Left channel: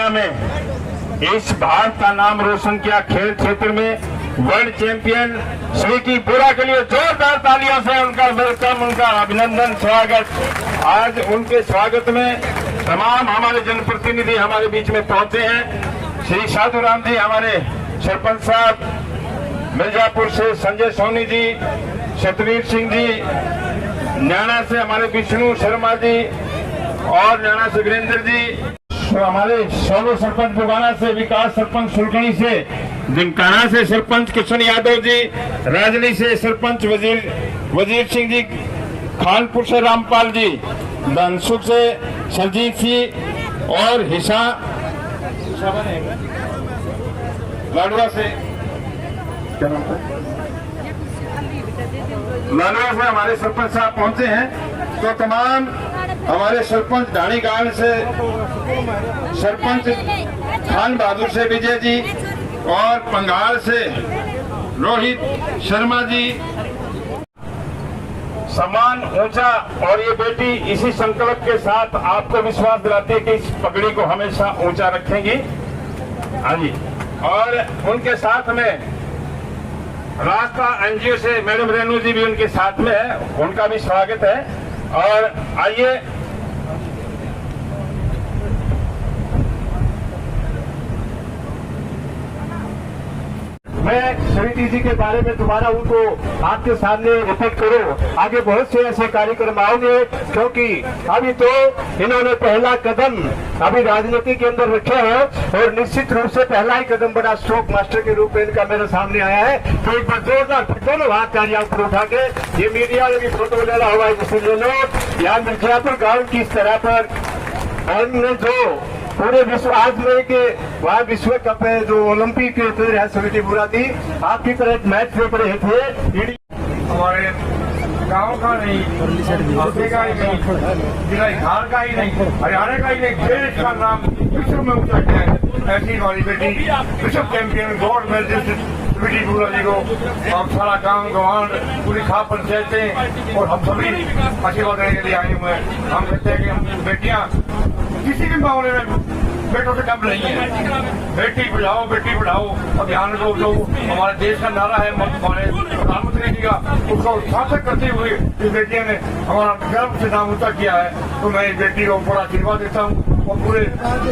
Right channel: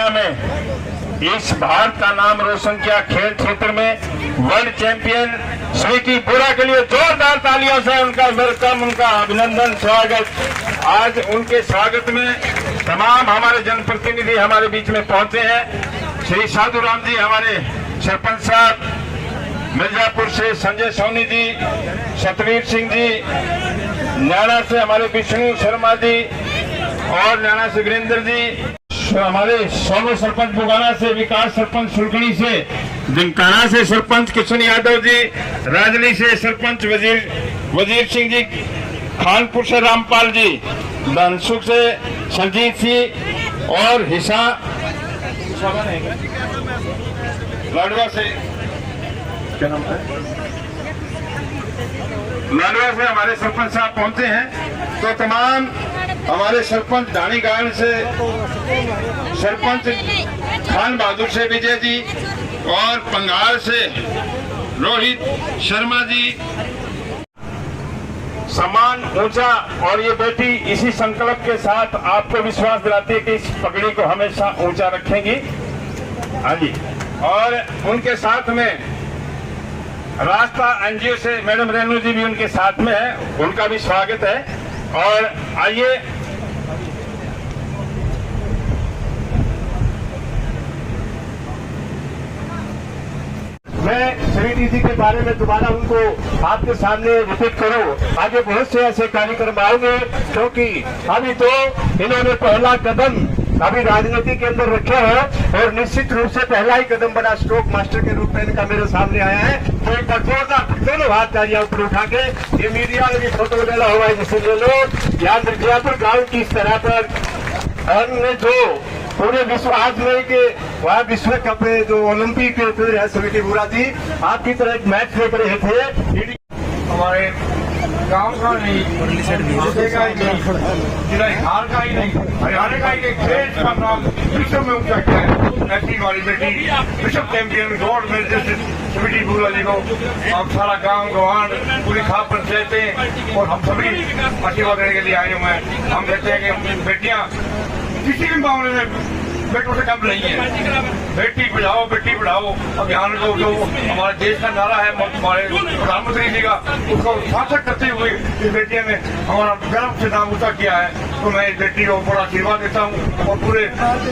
दुनिया में इस भारत का नाम रोशन किया खेल क्षेत्र में। वर्ल्ड चैंपियन स्वीटी बुरा के लिए जोरदार तालियों से उनका वेलकम, उनका अभिनंदन, स्वागत। आज उनके स्वागत में तमाम हमारे जनप्रतिनिधि हमारे बीच में पहुंचे हैं। श्री साधु राम जी हमारे सरपंच साहब, मिर्जापुर से संजय सोनी जी, सतवीर सिंह जी, न्याणा से हमारे विष्णु शर्मा जी और न्याणा से वीरेंद्र जी, हमारे सोनू सरपंच बुगाना से, विकास सरपंच सुलखनी से, दिनकाना से सरपंच किशन यादव जी, राजनी से सरपंच वजीर सिंह जी, खानपुर से रामपाल जी, धनसुख से संजीत सिंह और हिस्सा लाडवा से क्या नाम है, लाडवा से हमारे सरपंच साहब पहुंचे हैं। तो तमाम हमारे सरपंच धानीगाड़ से सरपंच खान बहादुर से विजय जी और पंगाल से रोहित शर्मा जी, सम्मान ऊंचा। और ये बेटी इसी संकल्प के साथ आपको विश्वास दिलाती है कि इस पगड़ी को हमेशा ऊंचा रखेंगी। हाँ जी। और उनके साथ में रास्ता एनजीओ से मैडम रेणु जी भी उनके साथ में है, उनका भी स्वागत है। और आइए मैं स्वीटी जी के बारे में दोबारा उनको आपके सामने रिपीट करूं। आगे बहुत से ऐसे कार्यक्रम आओगे, क्योंकि अभी तो इन्होंने पहला कदम अभी राजनीति के अंदर रखा है और निश्चित रूप से पहला ही कदम बना स्ट्रोक मास्टर के रूप में इनका मेरे सामने आया है। तो एक बार जोरदार दोनों हाथ तालियां ऊपर उठा के ये मीडिया में भी फोटो डाला हुआ है, जैसे ये लोग यहाँ मिर्जापुर गाँव की इस तरह पर हमने जो पूरे विश्व आज में के वहाँ विश्व कप में जो ओलंपिक के है स्वीटी बुरा जी आपकी तरह एक मैच देख रहे थे। हमारे गाँव का नहीं, का ही नहीं, जिला बिहार का ही नहीं, हरियाणा का ही नहीं, देश का नाम विश्व में ऊंचा किया है। ऐसी हमारी बेटी विश्व चैंपियन गोल्ड मेडलिस्ट स्वीटी बुरा जी को आप सारा गाँव गवान पूरी खाप पंचायतें और हम सभी आशीर्वाद देने के लिए आए हुए हैं। हम कहते हैं कि बेटियां किसी भी मामले में बेटों से कम नहीं है। बेटी बचाओ बेटी पढ़ाओ अभियान जो हमारे देश का नारा है हमारे प्रधानमंत्री जी का, उसको सार्थक करते हुए इस बेटियों ने हमारा गर्व से नाम ऊंचा किया है। तो मैं इस बेटी को बड़ा आशीर्वाद देता हूँ और पूरे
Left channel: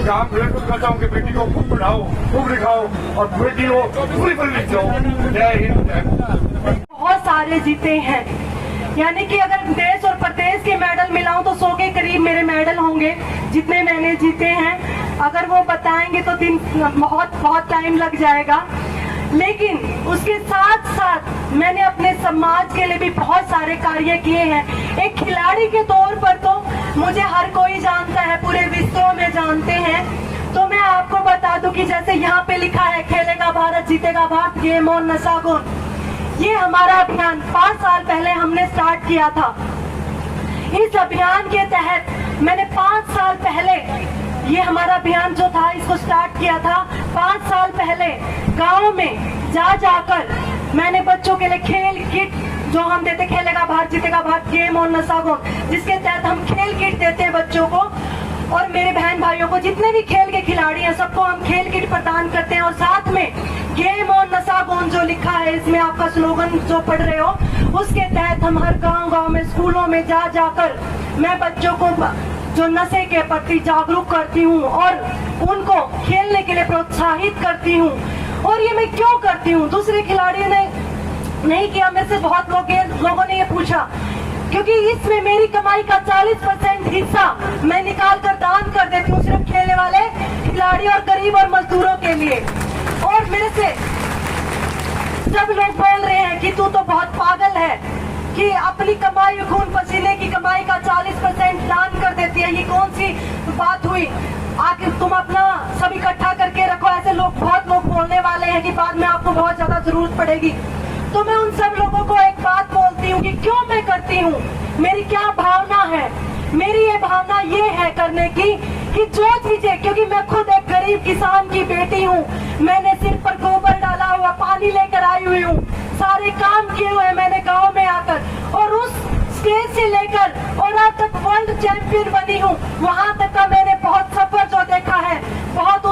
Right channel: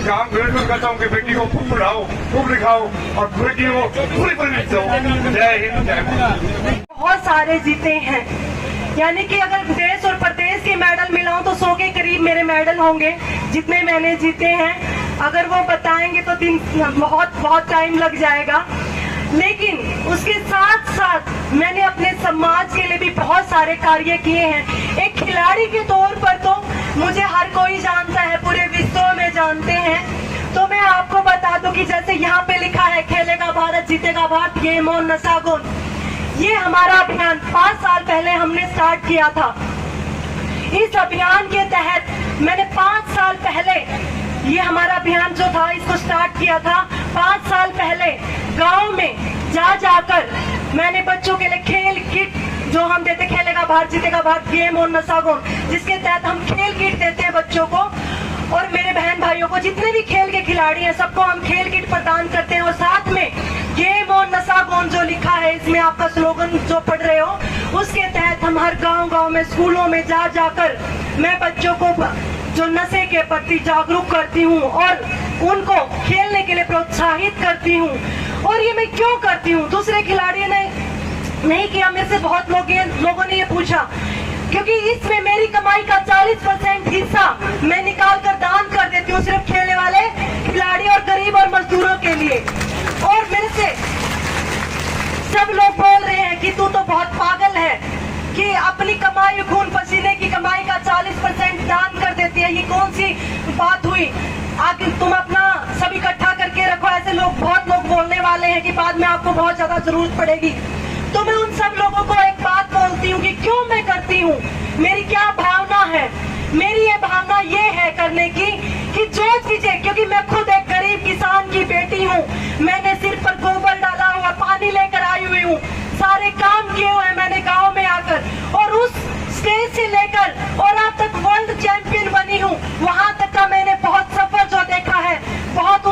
गाँव बिल्कुल कहता हूँ कि बेटी को खूब पढ़ाओ, खूब लिखाओ और बेटी को पूरी परवरिश दो। जय हिंद, जय भारत। बहुत सारे जीते हैं, यानी कि अगर देश और प्रदेश के मेडल मिलाऊं तो 100 के करीब मेरे मेडल होंगे जितने मैंने जीते हैं। अगर वो बताएंगे तो दिन बहुत टाइम लग जाएगा। लेकिन उसके साथ साथ मैंने अपने समाज के लिए भी बहुत सारे कार्य किए हैं। एक खिलाड़ी के तौर पर तो मुझे हर कोई जानता है, पूरे विश्व में जानते हैं। तो मैं आपको बता दूं कि जैसे यहाँ पे लिखा है खेलेगा भारत जीतेगा भारत, गेम ऑन नशा। ये हमारा अभियान 5 साल पहले हमने स्टार्ट किया था। इस अभियान के तहत मैंने 5 साल पहले ये हमारा अभियान जो था इसको स्टार्ट किया था। 5 साल पहले गांव में जाकर मैंने बच्चों के लिए खेल किट जो हम देते, खेलेगा भारत जीतेगा भारत, गेम और नशा गुण, जिसके तहत हम खेल किट देते हैं बच्चों को। और मेरे बहन भाइयों को जितने भी खेल के खिलाड़ी हैं सबको हम खेल किट प्रदान करते हैं। और साथ में गेम और नशा गुण जो लिखा है इसमें आपका स्लोगन जो पढ़ रहे हो, उसके तहत हम हर गांव में स्कूलों में जाकर मैं बच्चों को जो नशे के प्रति जागरूक करती हूँ और उनको खेलने के लिए प्रोत्साहित करती हूँ। और ये मैं क्यों करती हूँ, दूसरे खिलाड़ियों ने नहीं किया, मेरे से बहुत लोगों ने ये पूछा, क्योंकि इसमें मेरी कमाई का 40% हिस्सा मैं निकाल कर दान कर देती हूँ सिर्फ खेलने वाले खिलाड़ी और गरीब और मजदूरों के लिए। और मेरे से सब लोग बोल रहे हैं कि तू तो बहुत पागल है कि अपनी कमाई खून पसीने की कमाई का 40% दान कर देती है, ये कौन सी बात हुई, आखिर तुम अपना सब इकट्ठा करके रखो। ऐसे बहुत लोग बोलने वाले हैं कि बाद में आपको बहुत ज्यादा जरूरत पड़ेगी। तो मैं उन सब लोगों को एक बात बोलती हूँ कि क्यों मैं करती हूँ, मेरी क्या भावना है। मेरी ये भावना ये है करने की कि जो चीजें, क्योंकि मैं खुद एक गरीब किसान की बेटी हूँ, मैंने सिर पर गोबर डाला हुआ, पानी लेकर आई हुई हूँ, सारे काम किए हुए मैंने गाँव में आकर, और उस स्टेज से लेकर और अब तक वर्ल्ड चैंपियन बनी हूँ। वहाँ तक का मैंने बहुत सफर जो देखा है, बहुत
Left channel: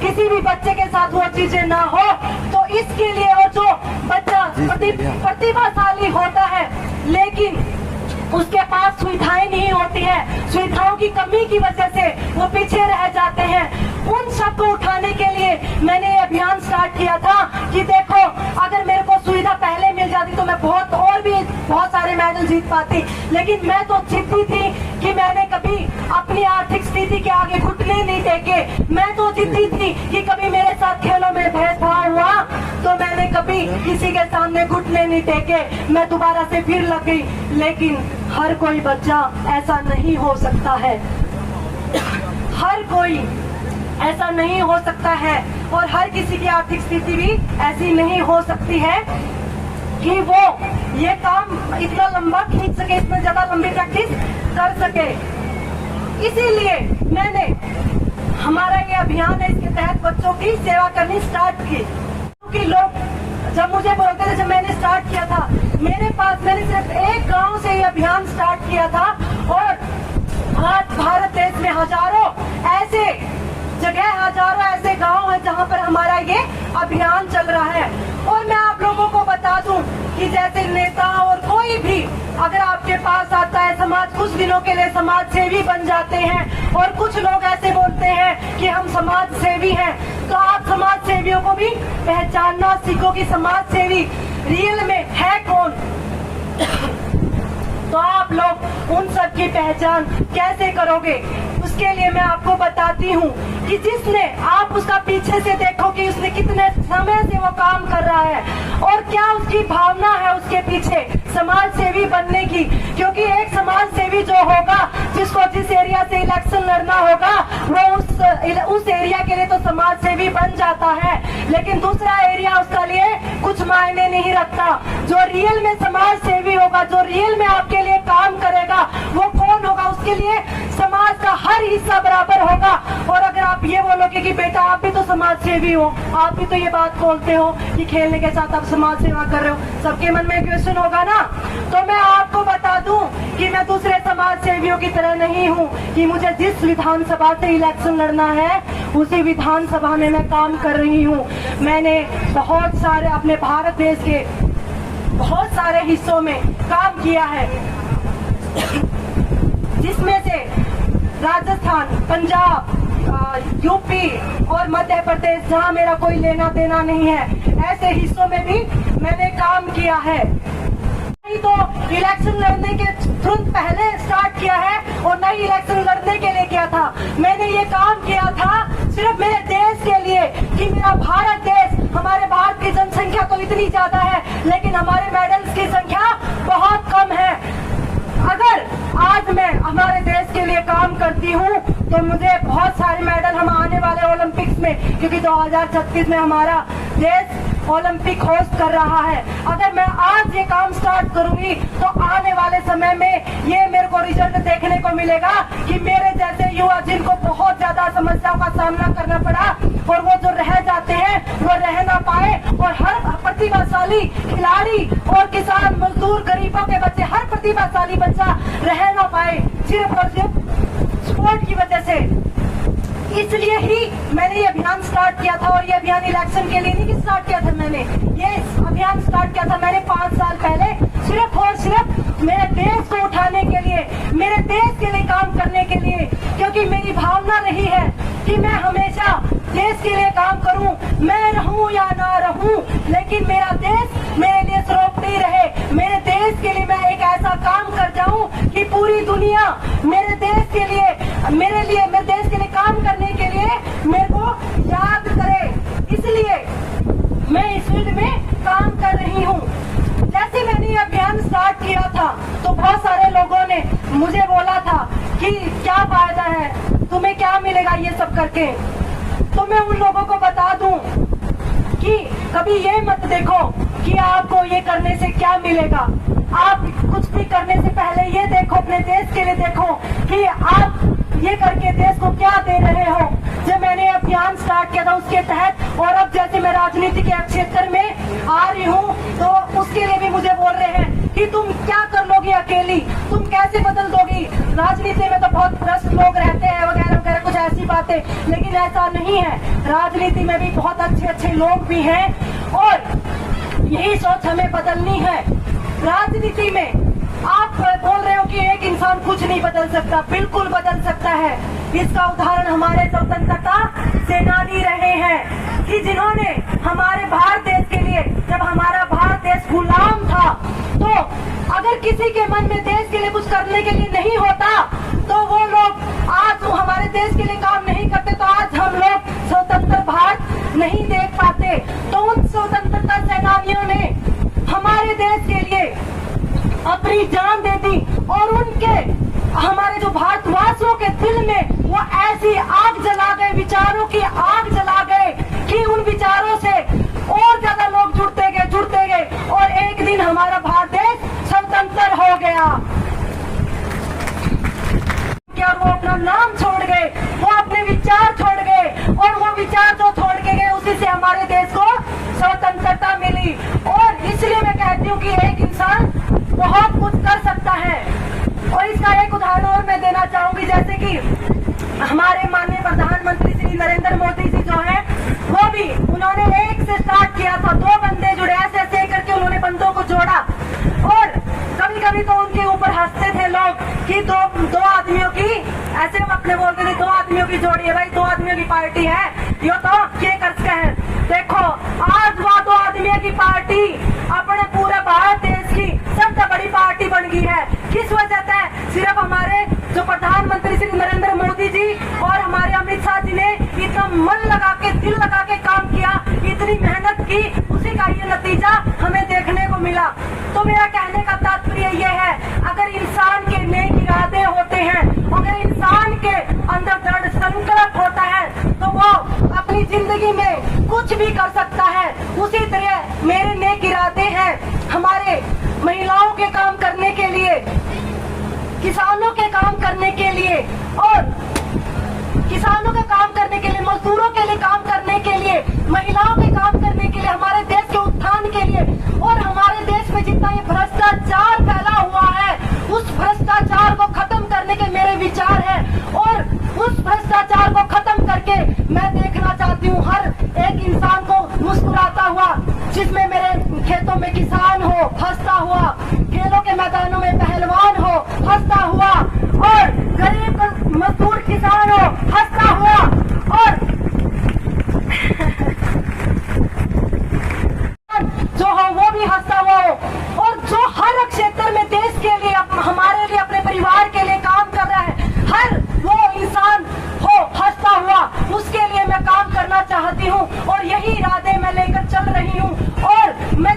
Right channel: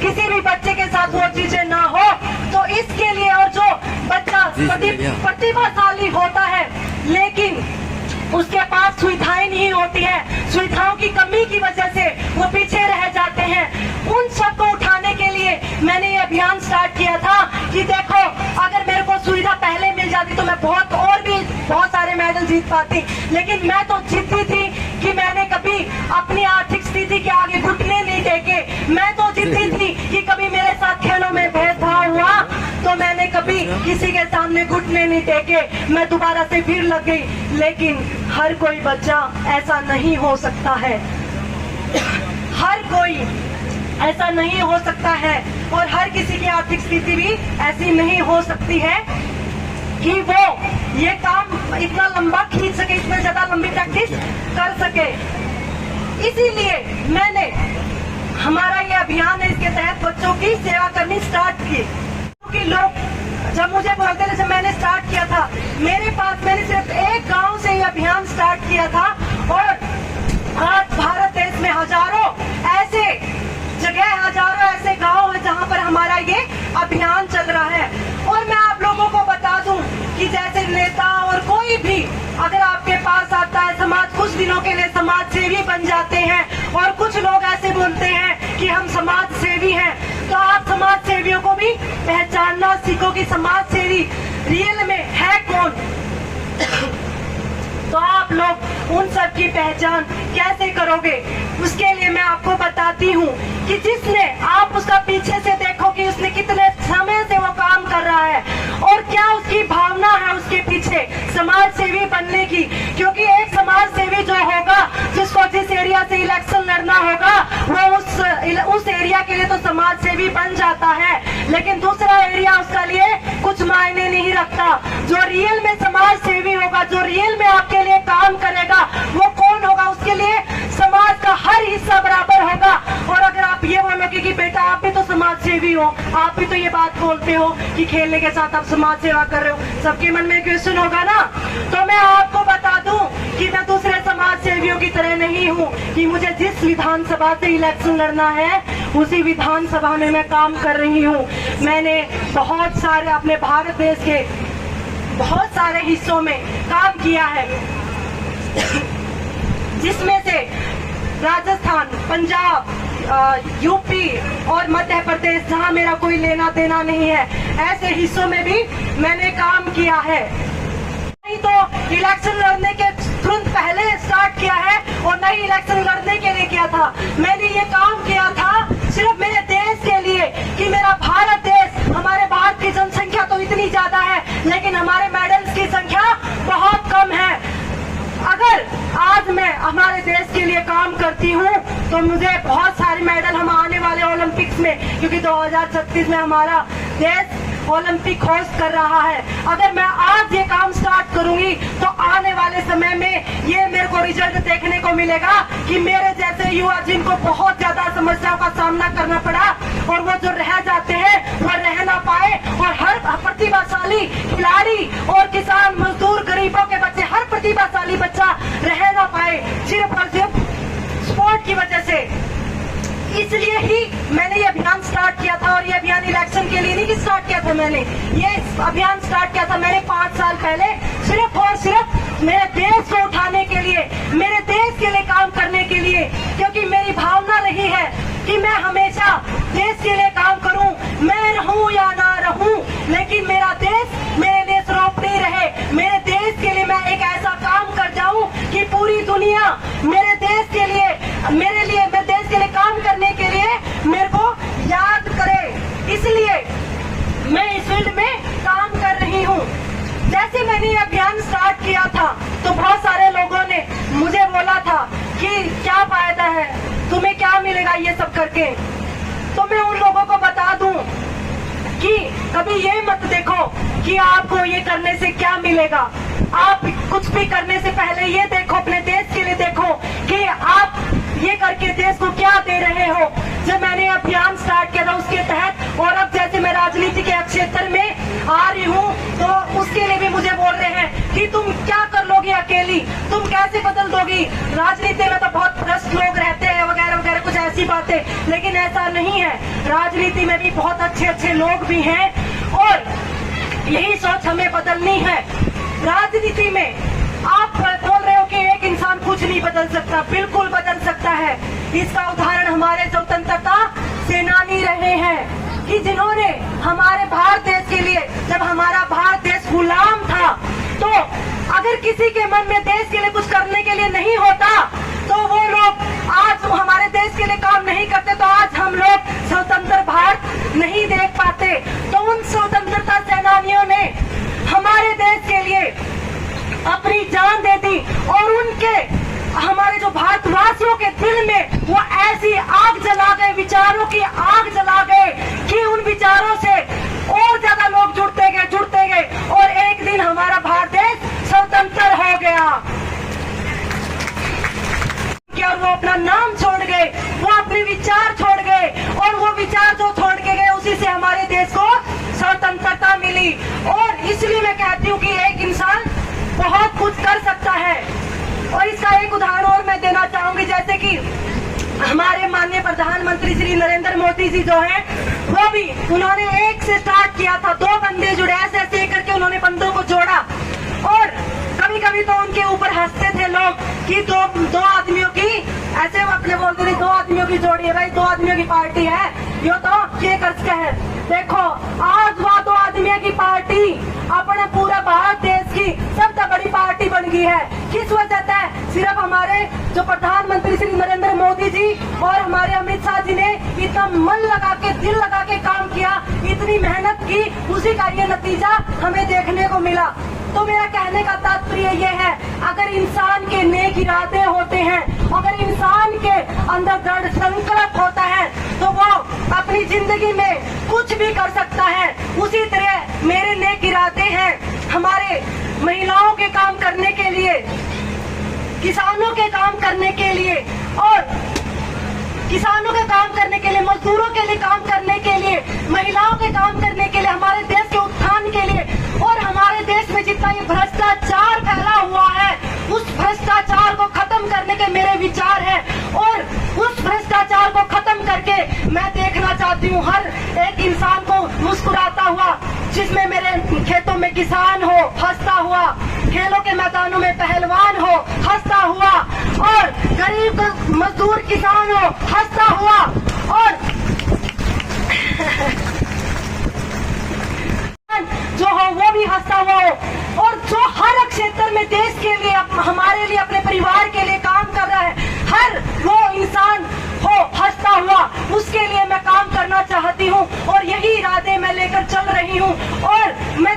किसी भी बच्चे के साथ वो चीजें ना हो। तो इसके लिए, और जो बच्चा प्रतिभाशाली होता है लेकिन उसके पास सुविधाएं नहीं होती है, सुविधाओं की कमी की वजह से वो पीछे रह जाते हैं, उन सबको उठाने के लिए मैंने ये अभियान स्टार्ट किया था कि देखो अगर मेरे को सुविधा पहले मिल जाती तो मैं बहुत सारे मेडल जीत पाती। लेकिन मैं तो जिद्दी थी कि मैंने कभी अपनी आर्थिक स्थिति के आगे घुटने नहीं टेके। मैं तो जिद्दी थी कि कभी मेरे साथ खेलों में भेदभाव हुआ तो मैंने कभी किसी के सामने घुटने नहीं टेके, मैं दोबारा से फिर लग गई। लेकिन हर कोई बच्चा ऐसा नहीं हो सकता है, हर कोई ऐसा नहीं हो सकता है, और हर किसी की आर्थिक स्थिति भी ऐसी नहीं हो सकती है कि वो ये काम इतना लंबा खींच सके, इतने ज्यादा लंबी प्रैक्टिस कर सके। इसीलिए मैंने हमारा ये अभियान है, इसके तहत बच्चों की सेवा करनी स्टार्ट की। क्योंकि लोग जब मुझे बोलते थे, जब मैंने स्टार्ट किया था मैंने सिर्फ एक गांव से ये अभियान स्टार्ट किया था, और आज भारत देश में हजारों ऐसे जगह, हजारों ऐसे गांव है जहां पर हमारा ये अभियान चल रहा है। और मैं आप लोगों को बता दूं कि जैसे नेता और कोई भी अगर आपके पास आता है, समाज कुछ दिनों के लिए समाज सेवी बन जाते हैं, और कुछ लोग ऐसे बोलते हैं कि हम समाज सेवी हैं, तो आप समाज सेवियों को भी पहचानना सीखो कि समाज सेवी रियल में है कौन। तो आप लोग उन सब की पहचान कैसे करोगे, उसके लिए मैं आपको बताती हूँ कि जिसने, आप उसका पीछे से देखो कि उसने कितने समय से वो काम कर रहा है और क्या उसकी भावना है उसके पीछे समाज सेवी बनने की। क्योंकि एक समाज सेवी जो होगा, जिसको जिस एरिया से इलेक्शन लड़ना होगा, वो उस एरिया के लिए तो समाज सेवी बन जाता है, लेकिन दूसरा एरिया उसके लिए कुछ मायने नहीं रखता। जो रियल में समाज सेवी होगा, जो रियल में आपके लिए काम करेगा, वो कौन होगा, उसके लिए समाज का हर हिस्सा बराबर होगा। और अगर आप ये बोलोगे कि बेटा आप भी तो समाज सेवी हो, आप भी तो ये बात बोलते हो कि खेलने के साथ आप समाज सेवा कर रहे हो, सबके मन में क्वेश्चन होगा ना। तो मैं आपको बता दूं कि मैं दूसरे समाज सेवियों की तरह नहीं हूँ कि मुझे जिस विधानसभा से इलेक्शन लड़ना है उसी विधानसभा में मैं काम कर रही हूँ। मैंने बहुत सारे अपने भारत देश के बहुत सारे हिस्सों में काम किया है, जिसमें से राजस्थान, पंजाब, यूपी और मध्य प्रदेश, जहां मेरा कोई लेना देना नहीं है, ऐसे हिस्सों में भी मैंने काम किया है। नहीं तो इलेक्शन लड़ने के तुरंत पहले स्टार्ट किया है और नहीं इलेक्शन लड़ने के लिए किया था। मैंने ये काम किया था सिर्फ मेरे देश के लिए कि मेरा भारत देश, हमारे भारत की जनसंख्या तो इतनी ज्यादा है लेकिन हमारे मेडल्स की संख्या बहुत कम है। अगर आज मैं हमारे देश के लिए काम करती हूँ तो मुझे बहुत सारे मेडल हम आने वाले ओलंपिक्स में, क्योंकि 2036 में हमारा देश ओलंपिक होस्ट कर रहा है, अगर मैं आज ये काम स्टार्ट करूंगी तो आने वाले समय में ये मेरे को रिजल्ट देखने को मिलेगा कि मेरे जैसे युवा जिनको बहुत ज्यादा समस्याओं का सामना करना पड़ा और वो जो रह जाते हैं वो रह ना पाए, और हर प्रतिभाशाली खिलाड़ी और किसान, मजदूर, गरीबों के बच्चे, हर प्रतिभाशाली बच्चा रह ना पाए सिर्फ और सिर्फ स्पोर्ट की वजह से। इसलिए ही मैंने ये अभियान स्टार्ट किया था। और ये अभियान इलेक्शन के लिए नहीं स्टार्ट किया था, मैंने ये अभियान स्टार्ट किया था मैंने 5 साल पहले, सिर्फ और सिर्फ मेरे देश को उठाने के लिए, मेरे देश के लिए काम करने के लिए। क्योंकि मेरी भावना रही है कि मैं हमेशा देश के लिए काम करूं, मैं रहूं या ना रहूं, लेकिन मेरा देश मेरे लिए सर्वोपरि रहे। मेरे देश के लिए मैं एक ऐसा काम कर जाऊं कि पूरी दुनिया मेरे देश के लिए, मैं देश के लिए काम करने के लिए मेरे को याद करे। इसलिए मैं इस फील्ड में काम कर रही हूँ। जैसे मैंने ये अभियान स्टार्ट किया था तो बहुत सारे लोगों ने मुझे बोला था कि क्या फायदा है, तुम्हें क्या मिलेगा ये सब करके। तो मैं उन लोगों को बता दूं कि कभी ये मत देखो कि आपको ये करने से क्या मिलेगा। आप कुछ भी करने से पहले ये देखो, अपने देश के लिए देखो कि आप ये करके देश को क्या दे रहे हो। जब मैंने अभियान स्टार्ट किया था उसके तहत, और अब जैसे मैं राजनीति के क्षेत्र में आ रही हूँ तो उसके लिए भी मुझे बोल रहे हैं कि तुम क्या कर लोगी अकेली, तुम कैसे बदल दोगी। राजनीति में तो बहुत भ्रष्ट लोग रहते हैं वगैरह वगैरह, कुछ ऐसी अच्छी बातें, लेकिन ऐसा नहीं है। राजनीति में भी बहुत अच्छे अच्छे लोग भी हैं और यही सोच हमें बदलनी है। राजनीति में आप बोल रहे हो कि एक इंसान कुछ नहीं बदल सकता, बिल्कुल बदल सकता है। इसका उदाहरण हमारे स्वतंत्रता सेनानी रहे हैं कि जिन्होंने हमारे भारत देश के लिए, जब हमारा भारत देश गुलाम था, तो अगर किसी के मन में देश के लिए कुछ करने के लिए नहीं होता तो वो लोग आज वो हमारे देश के लिए काम नहीं करते, तो आज हम लोग स्वतंत्र भारत नहीं देख पाते। तो उन स्वतंत्रता सेनानियों ने हमारे देश के लिए अपनी जान दे दी और उनके हमारे जो भारतवासियों के दिल में वो ऐसी आग जला गए, विचारों की आग जला गए कि उन विचारों से और ज्यादा लोग जुड़ते गए और एक दिन हमारा भारत देश स्वतंत्र हो गया। क्या वो अपना नाम छोड़ गए, वो अपने विचार छोड़ गए और वो विचार जो छोड़ के गए उसी से हमारे देश को स्वतंत्रता मिली। और इसलिए मैं कहती हूँ कि एक इंसान बहुत कुछ कर सकता है। और इसका एक उदाहरण और मैं देना चाहूंगी, जैसे कि हमारे माननीय प्रधानमंत्री श्री नरेंद्र मोदी जी जो हैं, वो भी उन्होंने एक से स्टार्ट किया था, 2 बंदे जुड़े, ऐसे करके उन्होंने बंदों को जोड़ा। और कभी कभी तो उनके ऊपर हंसते थे लोग कि दो आदमियों की, ऐसे वो अपने बोलते थे 2 आदमियों की जोड़ी है भाई, 2 आदमियों की पार्टी है, ये तो क्या कर है। देखो आज वो 2 आदमियों की पार्टी अपने पूरे भारत देश की सबसे बड़ी पार्टी बन गई है। किस वजह से? सिर्फ हमारे जो प्रधानमंत्री श्री नरेंद्र मोदी जी और हमारे अमित शाह जी ने इतना मन लगा के, दिल लगा के काम किया, इतनी मेहनत की, उसी का ये नतीजा हमें देखने को मिला। तो मेरा कहने का तात्पर्य यह है, अगर इंसान के नेक इरादे होते हैं, अगर इंसान के अंदर दृढ़ संकल्प होता है, तो वो अपनी जिंदगी में कुछ भी कर सकता है। उसी तरह मेरे नेक इरादे हैं हमारे महिलाओं के काम करने के लिए, किसानों के काम करने के लिए और किसानों के काम करने के लिए, मजदूरों के लिए काम करने के लिए, महिलाओं के काम करने के लिए, हमारे देश के उत्थान के लिए। और हमारे देश में जितना ये भ्रष्टाचार फैला हुआ है, उस भ्रष्टाचार को खत्म करने के मेरे विचार है। और उस भ्रष्टाचार को खत्म करके मैं देखना चाहती हूँ हर एक इंसान को मुस्कुराता हुआ, जिसमें मेरे खेतों में किसान हो हंसता हुआ, खेलों के मैदानों में पहलवान हो हंसता हुआ, और गरीब मजदूर किसान हो हंसता हुआ, और जो हो वो भी हंसता हुआ हो, और जो हर क्षेत्र में देश के लिए, हमारे लिए, अपने परिवार के लिए काम कर रहा है, हर वो इंसान हो हंसता हुआ, उसके लिए मैं काम करना चाहती हूँ। और यही इरादे मैं लेकर चल रही हूँ। और मैं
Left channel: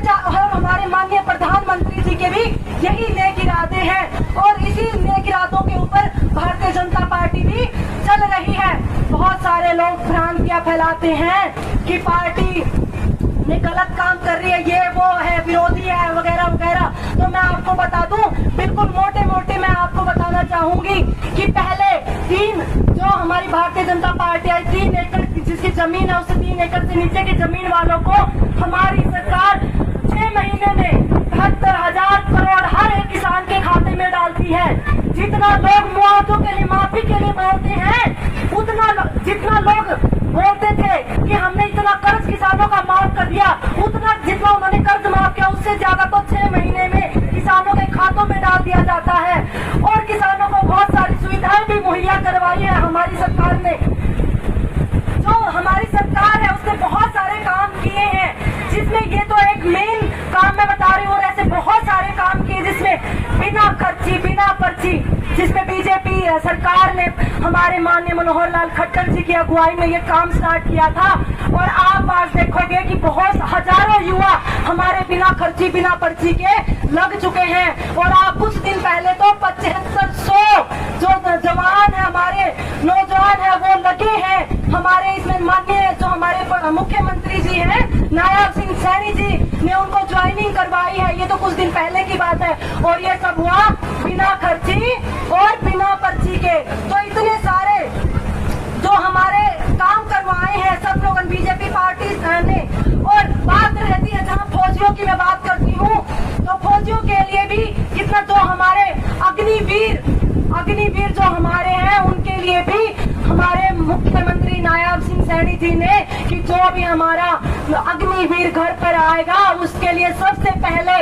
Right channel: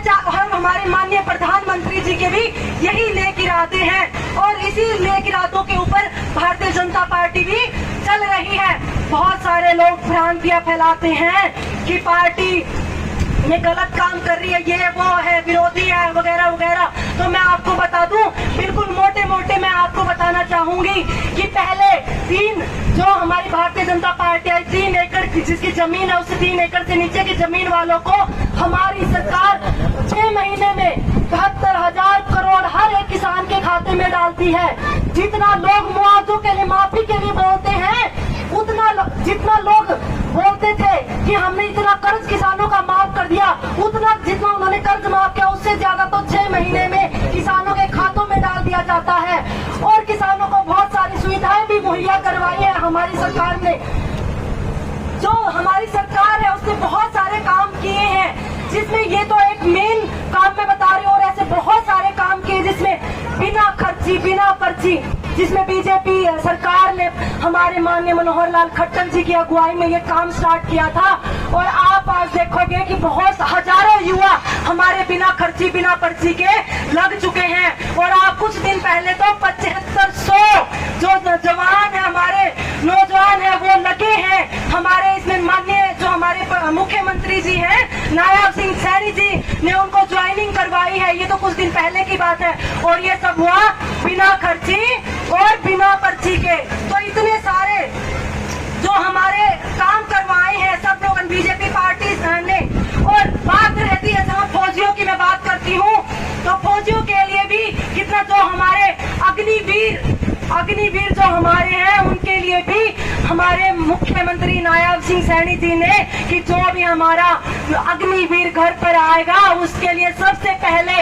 हमारे माननीय प्रधानमंत्री जी के भी यही नेक इरादे हैं और इसी नेक इरादों के ऊपर भारतीय जनता पार्टी भी चल रही है। बहुत सारे लोग भ्रांतियां फैलाते हैं कि पार्टी ये गलत काम कर रही है, ये वो है, विरोधी है, वगैरह वगैरह। तो मैं आपको बता दूं, बिल्कुल मोटे मोटे मैं आपको बताना चाहूंगी कि पहले 3 जो हमारी भारतीय जनता पार्टी आई, 3 एकड़ जिसकी जमीन है, उस 3 एकड़ से नीचे की जमीन वालों को हमारी सरकार 6 महीने में 72,000 करोड़ हर एक किसान के खाते में डालती है। जितना लोग मुआवजों के लिए, माफी के लिए बोलते हैं, जितना लोग बोलते थे कि हमने इतना कर्ज किसानों का माफ कर दिया, उतना जितना उन्होंने कर्ज माफ किया, उससे ज्यादा तो 6 महीने में किसानों के खातों में डाल दिया जाता है। और किसानों को बहुत सारी सुविधाएं भी मुहैया करवाई है हमारी सरकार ने। जो हमारी सरकार है उसने बहुत सारे काम किए हैं, जिसमें ये तो एक मेन काम मैं बता रही हूँ, और ऐसे बहुत सारे काम किए जिसमें बिना खर्ची, बिना पर्ची, जिसमें बीजेपी सरकार ने हमारे माननीय मनोहर लाल खट्टर जी की अगुवाई में ये काम स्टार्ट किया था। और आप आज देखोगे कि बहुत हजारों युवा हमारे बिना खर्ची, बिना पर्ची के लग चुके हैं। और आप कुछ दिन पहले तो 7500 जो जवान है, हमारे नौजवान है, वो लगे हैं हमारे इसमें। माननीय जो हमारे मुख्यमंत्री जी हैं, नायब सिंह सैनी जी ने उनको ज्वाइनिंग करवाई है। ये तो कुछ दिन पहले की बात है, और ये सब हुआ बिना खर्ची और बिना पर्ची के। तो इतने सारे जो हमारे काम करवाए हैं सब लोग बीजेपी पार्टी ने। और बात रहती है जहाँ फौजियों की मैं बात करती हूँ, तो फौजियों के लिए भी कितना, जो हमारे अग्निवीर जो हमारे हैं, उनके लिए भी हमारे सैनी जी ने कि जो भी हमारा अग्निवीर घर पर आएगा उसके लिए सबसे पहले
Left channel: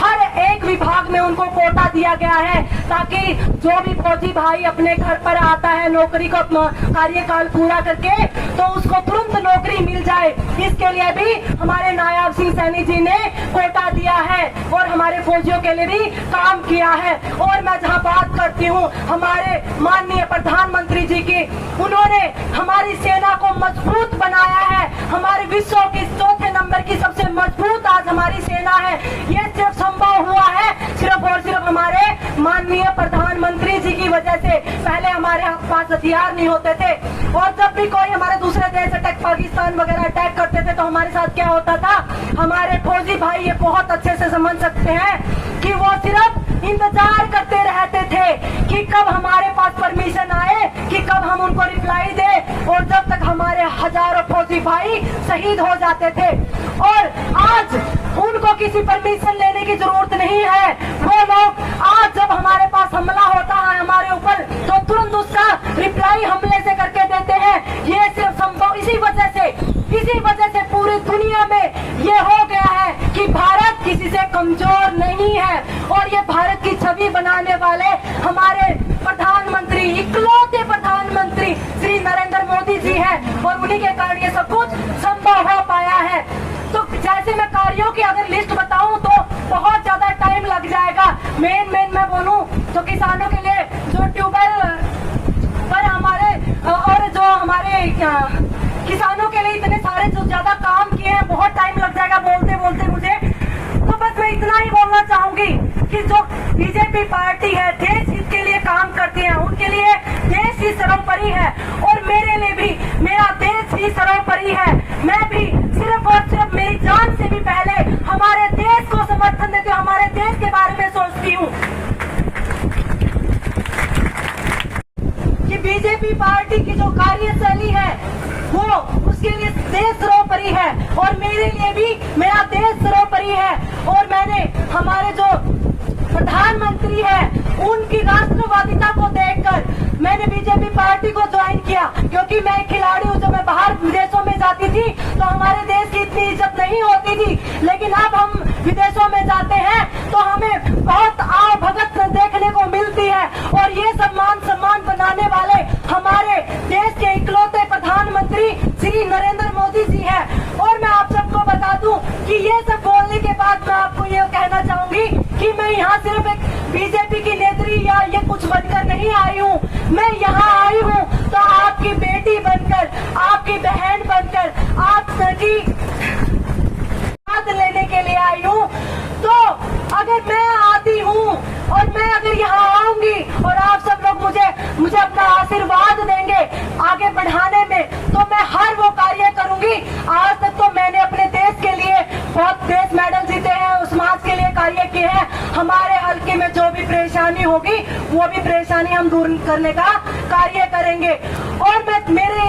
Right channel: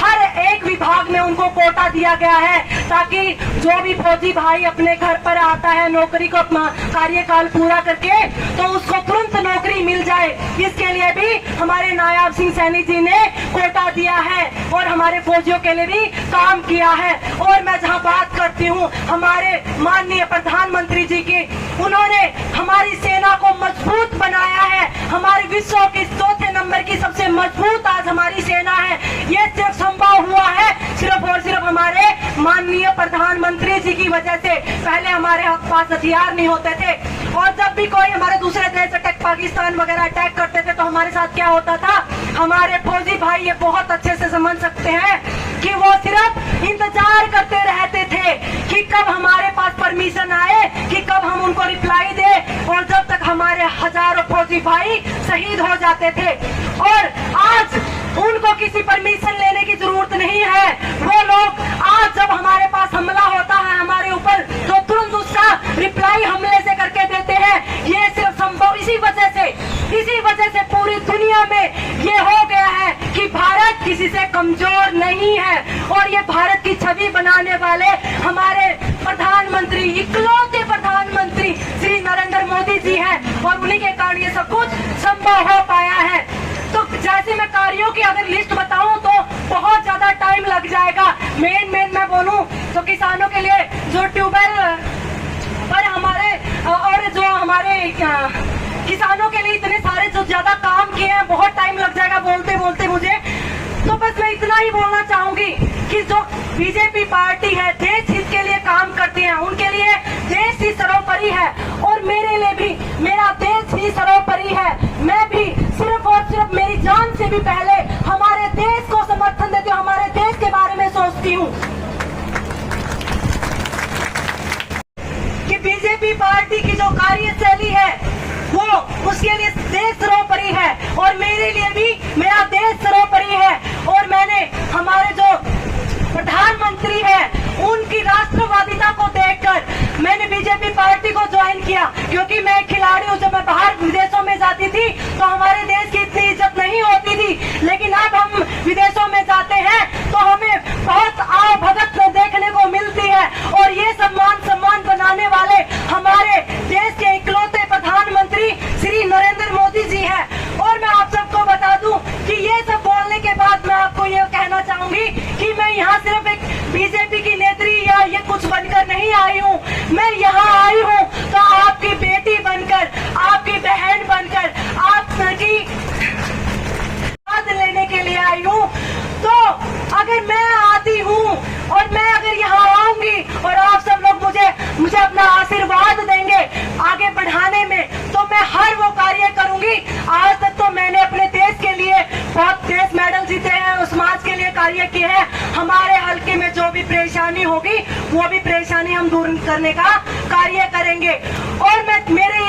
हर एक विभाग में उनको कोटा दिया गया है, ताकि जो भी फौजी भाई अपने घर पर आता है नौकरी को अपना कार्यकाल पूरा करके तो उसको तुरंत नौकरी मिल जाए। इसके लिए भी हमारे नायब सिंह सैनी जी ने कोटा दिया है और हमारे फौजियों के लिए भी काम किया है। और मैं जहां बात करती हूं हमारे माननीय प्रधानमंत्री जी की, उन्होंने हमारी सेना को मजबूत बनाया है। हमारे विश्व के चौथे नंबर की सबसे मजबूत आज हमारी सेना है। ये सिर्फ संभव हुआ है सिर्फ और सिर्फ हमारे माननीय प्रधानमंत्री जी की वजह से। पहले हमारे पास हथियार नहीं होते थे और जब भी कोई हमारे दूसरे देश अटैक पाकिस्तान वगैरह अटैक करते थे तो हमारे साथ क्या होता था, हमारे फौजी भाई ये बहुत अच्छे से समझ सकते हैं कि वो सिर्फ इंतजार करते रहते थे कि कब हमारे पास परमिशन आए, कि कब हम उनको रिप्लाई दे, और जब तक हमारे हजारों फौजी भाई शहीद हो जाते थे। और आज उनको किसी परमिशन लेने की जरूरत नहीं है। वो लोग आज जब हमारे पास हमला होता है हमारे ऊपर तो तुरंत उसका रिप्लाई हमले से करके देते हैं। ये सिर्फ संभव इसी वजह से पूरी दुनिया में ये हो गया है कि भारत किसी से कमजोर नहीं है। और ये भारत की छवि बनाने वाले हमारे प्रधानमंत्री, इकलौते प्रधानमंत्री श्री नरेंद्र मोदी जी हैं और उन्हीं के कारण ये सब कुछ संभव हो पाया है। तो जैसे मैं कार्यों की अगर लिस्ट बताऊं तो बहुत ज्यादा टाइम लग जाएगा। मेन मैं बोलूं तो किसानों के लिए जो ट्यूबवेल पर हमारे और जो हमारे किसानों के लिए इतने सारे जो ज्यादा काम किए हैं, बहुत टाइम लग जाएगा बोलते बोलते मुझे। तो बस मैं इतना ही बोलना चाहूंगी कि जो बीजेपी पार्टी है देश हित के लिए काम करती है, उनके लिए देश ही सर्वोपरि है और मेरे लिए भी मेरा देश ही सर्वोपरि है। मैं भी सिर्फ और सिर्फ मेरी जान से भी पहले हमारे देश को समर्थन देती हूँ, हमारे देश के बारे में सोचती हूँ कि बीजेपी पार्टी की जो कार्यशैली है वो उसके लिए देश सर्वोपरि है और मेरे लिए भी मेरा देश सर्वोपरि है। और मैंने हमारे जो प्रधानमंत्री है उनकी राष्ट्रवादिता को देखकर मैंने बीजेपी पार्टी को ज्वाइन किया, क्योंकि मैं खिलाड़ी हूँ। जब मैं बाहर विदेशों में जाती थी तो हमारे देश की इतनी इज्जत नहीं होती थी, लेकिन अब हम विदेशों में जाते हैं तो हमें बहुत आओ भगत देखने को मिलती है। और ये सम्मान बनाने वाले हमारे देश के इकलौते प्रधानमंत्री श्री नरेंद्र मोदी जी है। और मैं आप सबको बता दूं कि ये सब बोलने के बाद मैं आपको ये कहना चाहूंगी कि मैं यहाँ सिर्फ एक बीजेपी की नेत्री या ये कुछ बनकर नहीं आई हूँ। मैं यहाँ आई हूँ तो आपकी बेटी बनकर, आपकी बहन बनकर, आपकी साथ लेने के लिए आई हूँ। तो अगर मैं आती हूँ और मैं अगर यहाँ आऊंगी और आप सब लोग मुझे अपना आशीर्वाद देंगे आगे बढ़ाने में, तो मैं हर वो कार्य करूंगी। आज तक तो मैंने अपने देश के लिए बहुत देश मेडल जीते हैं और समाज के लिए कार्य किए हैं। हमारे हल्के में जो भी परेशानी होगी वो भी परेशानी हम दूर करने का कार्य करेंगे। और मेरे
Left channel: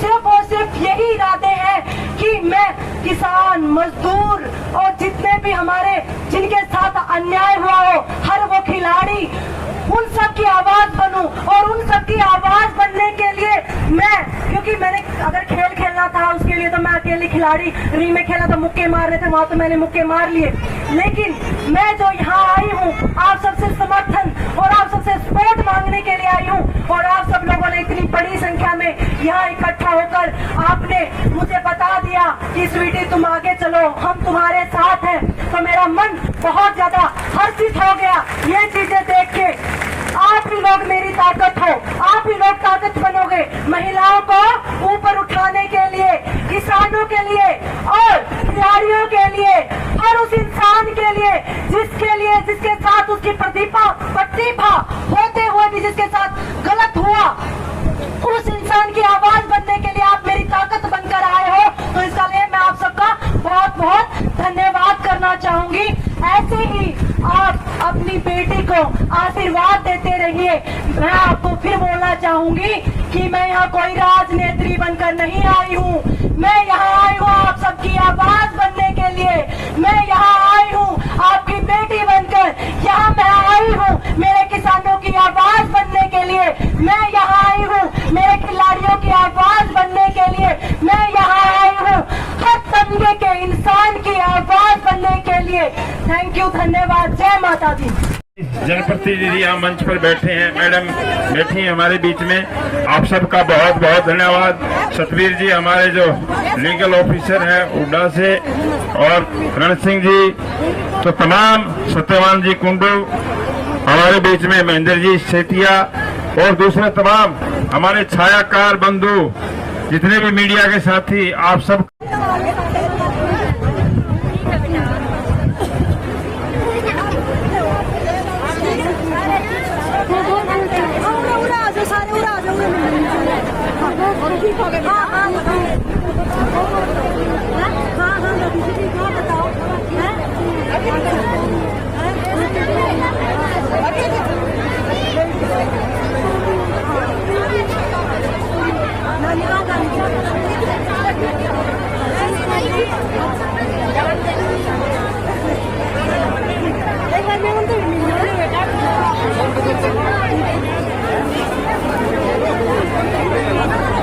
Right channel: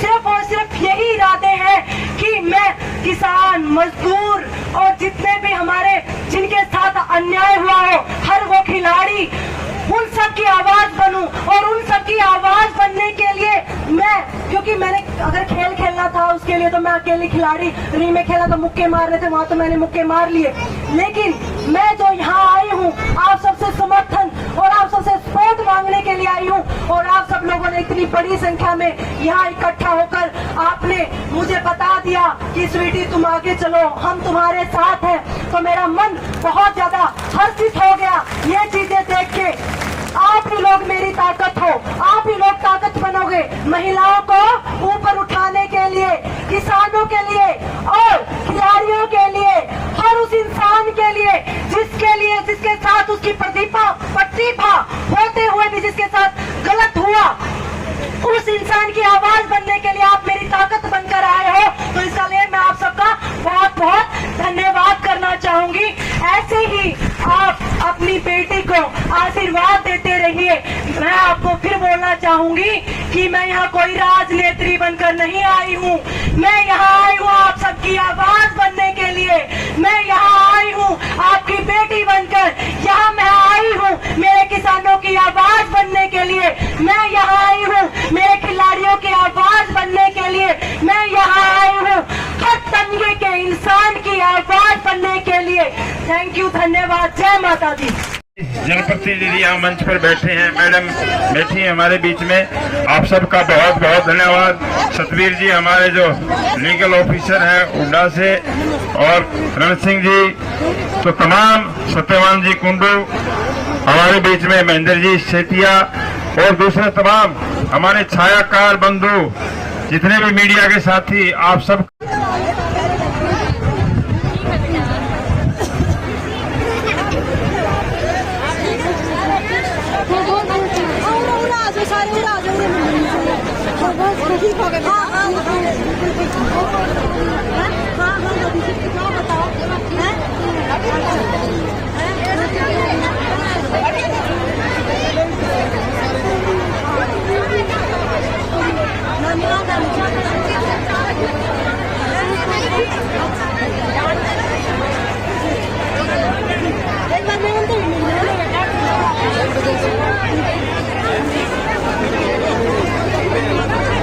सिर्फ और सिर्फ यही इरादे हैं कि मैं किसान, मजदूर और जितने भी हमारे जिनके साथ अन्याय हुआ हो, हर वो खिलाड़ी, उन सब की आवाज बनूं। और उन सब की आवाज बनने के लिए मैं, क्योंकि मैंने अगर खेल खेलना था उसके लिए तो मैं अकेले खिलाड़ी रिंग में खेला था, मुक्के मार रहे थे वहां तो मैंने मुक्के मार लिए। लेकिन मैं जो यहाँ आई हूँ आप सबसे समर्थन और आप सबसे सपोर्ट मांगने के लिए आई हूँ। और आप सब लोगों ने इतनी बड़ी संख्या में यहाँ इकट्ठा होकर आपने मुझे बता दिया कि स्वीटी तुम आगे चलो, हम तुम्हारे साथ हैं, तो मेरा मन बहुत ज्यादा हर्षित हो गया ये चीजें देख के। आप ही लोग मेरी ताकत हो, आप ही लोग ताकत बनोगे महिलाओं को ऊपर उठाने के लिए, किसानों के लिए और खिलाड़ियों के लिए, हर उस इंसान के लिए जिसके साथ उसकी प्रतिभा होते हुए भी जिसके साथ गलत हुआ, उस इंसान की आवाज बनने के लिए आप मेरी ताकत बनकर आए हो। तो इसका लिए मैं आप सबका बहुत बहुत धन्यवाद करना चाहूंगी। ऐसे ही आप अपनी बेटी को आशीर्वाद देते रहिए। मैं आपको फिर बोलना चाहूंगी कि मैं यहाँ कोई राजनेत्री बनकर नहीं आई हूँ, मैं यहाँ आई हूँ आप सबकी आवाज बनने के लिए। मैं यहाँ आई हूँ आपकी बेटी बनकर, यहाँ मैं आई हूँ मेरे किसानों की आवाज बनने के लिए, मैं यहाँ आई हूँ मेरे खिलाड़ियों की आवाज बनने के लिए, किसान की आवाज बनने के लिए। थैंक यू, धन्यवाद, जय माता दी। जनप्रतिनिधि यहाँ मंच पर बैठे हैं, मैडम बैठी हैं हमारे बीच में, आप सबका बहुत बहुत धन्यवाद। सतवीर जी हमारे जो लीगल ऑफिसर हैं उड्डा से, और रण सिंह जी, तो तमाम सत्यवान जी कुंडू हमारे बीच में, महेंद्र जी सेठिया और दूसरे तमाम हमारे छायाकार बंधु, जितने भी मीडिया के साथी, आप सब एक बार